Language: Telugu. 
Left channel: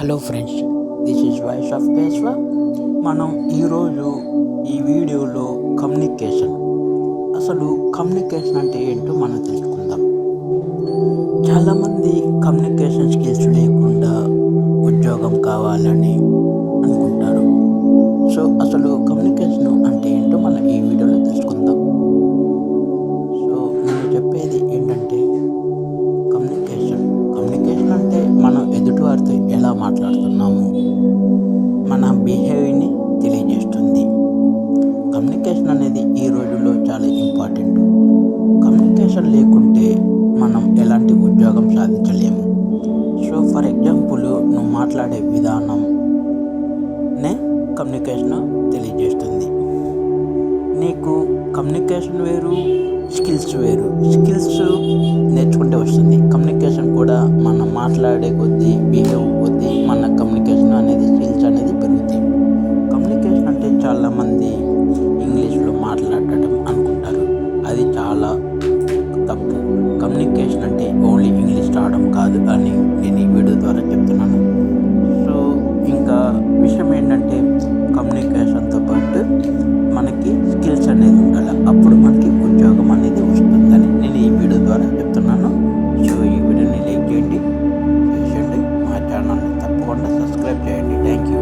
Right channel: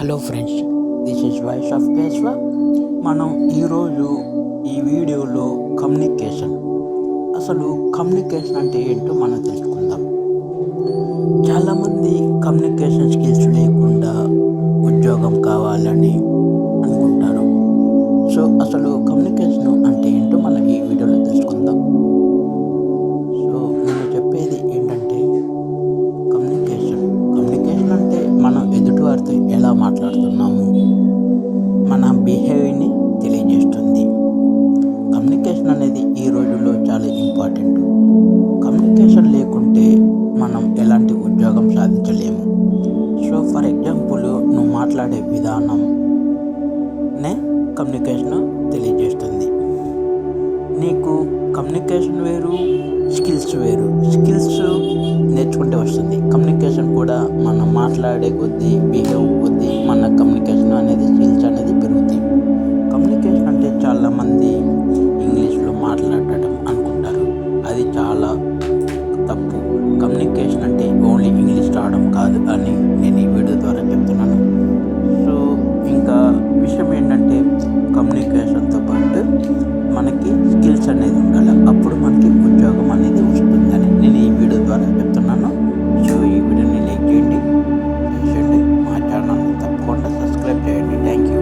Hello friends this is voice of Keshava. మనం ఈరోజు ఈ వీడియోలో కమ్యూనికేషన్. అసలు కమ్యూనికేషన్ అంటే ఏంటో మనం తెలుసుకుందాం. చాలామంది కమ్యూనికేషన్ స్కిల్స్ లేకుండా ఉద్యోగం కావాలని అనుకుంటారు. సో అసలు కమ్యూనికేషన్ అంటే ఏంటో మనం ఈ వీడియోలో తెలుసుకుందాం. సో నేను చెప్పేది ఏంటంటే కమ్యూనికేషన్ కమ్యూనికేషన్ అంటే మనం ఎదుటివారితో ఎలా మాట్లాడుతున్నాము? మన బిహేవియర్ని తెలియజేస్తుంది. కమ్యూనికేషన్ అనేది ఈ రోజుల్లో చాలా ఇంపార్టెంట్ కమ్యూనికేషన్ లేకుంటే మనం ఎలాంటి ఉద్యోగం సాధించలేము. సో ఫర్ ఎగ్జాంపుల్ నువ్వు మాట్లాడే విధానంనే కమ్యూనికేషన్ తెలియజేస్తుంది. నీకు కమ్యూనికేషన్ వేరు స్కిల్స్ వేరు. స్కిల్స్ నేర్చుకుంటే వస్తుంది. కమ్యూనికేషన్ కూడా మనం మాట్లాడే కొద్దీ బిహేవ్ కొద్దీ మన కమ్యూనికేషన్ అనేది స్కిల్స్ అనేది పెరుగుతాయి. కమ్యూనికేషన్ అంటే చాలామంది ఇంగ్లీష్లో మాట్లాడటం అనుకుంటారు. అది చాలా తప్పు. కమ్యూనికేషన్ అంటే ఓన్లీ ఇంగ్లీష్ రావడం కాదు అని నేను ఈ వీడియో ద్వారా చెప్తున్నాను. సో ఇంకా విషయం ఏంటంటే కమ్యూనికేషన్తో పాటు మనకి స్కిల్స్ అనేది ఉండాలి. అప్పుడు మనకి ఉద్యోగం అనేది వస్తుందని నేను ఈ వీడియో ద్వారా చెప్తున్నాను. సో ఈ వీడియోని లైక్ చేయండి చేయండి. మా ఛానల్ని తప్పకుండా సబ్స్క్రైబ్ చేయండి. Thank you